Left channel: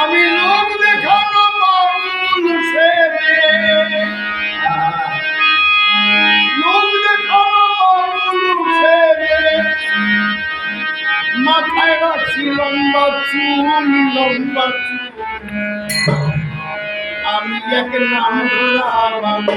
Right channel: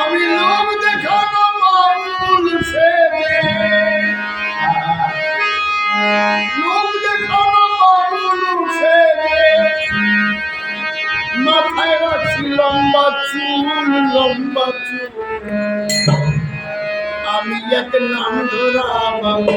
আমি লোক দেখানো বাউল সেজে লোক দেখানো বাউল সেজে মাথায় রাখছি লম্বা চুল আমি এক নাম ধরা বাবু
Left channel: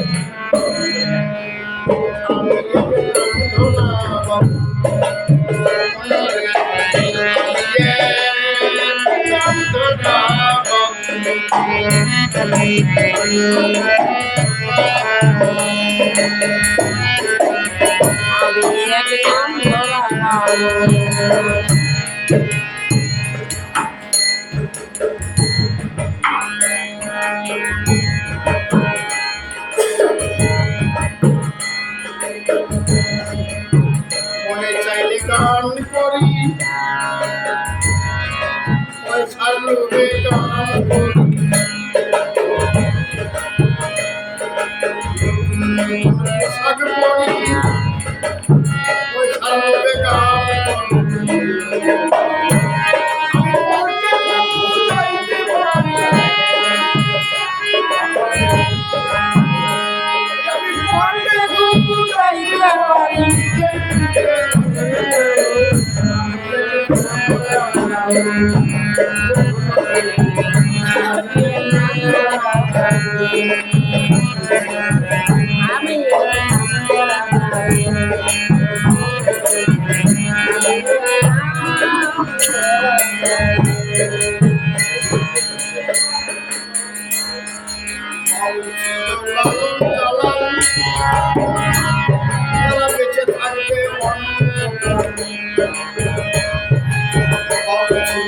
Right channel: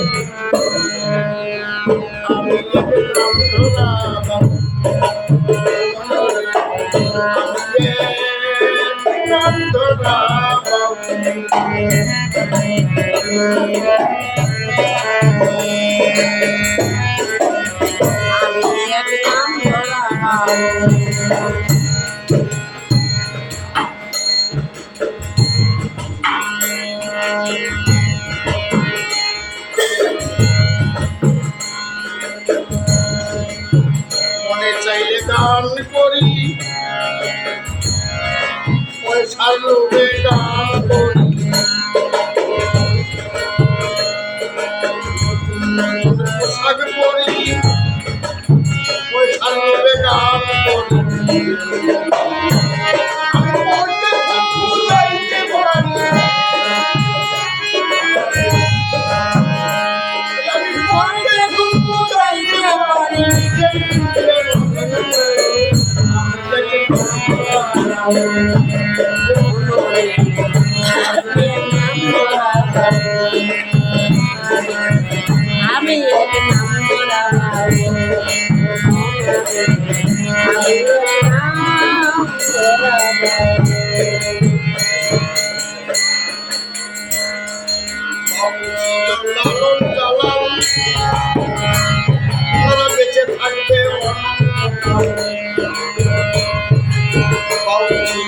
মনে চাইলে গান করি। পয়সার লোভে গান করি। ஆமையா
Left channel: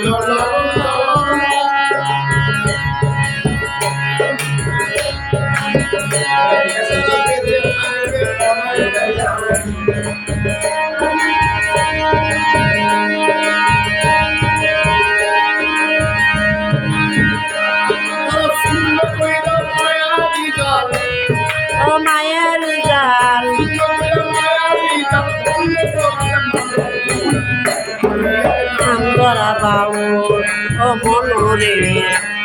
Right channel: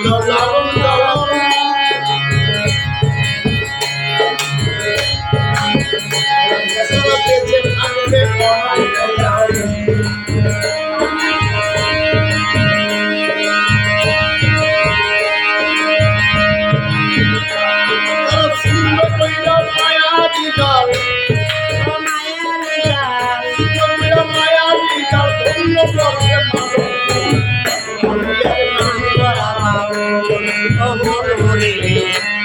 বাবু ছিল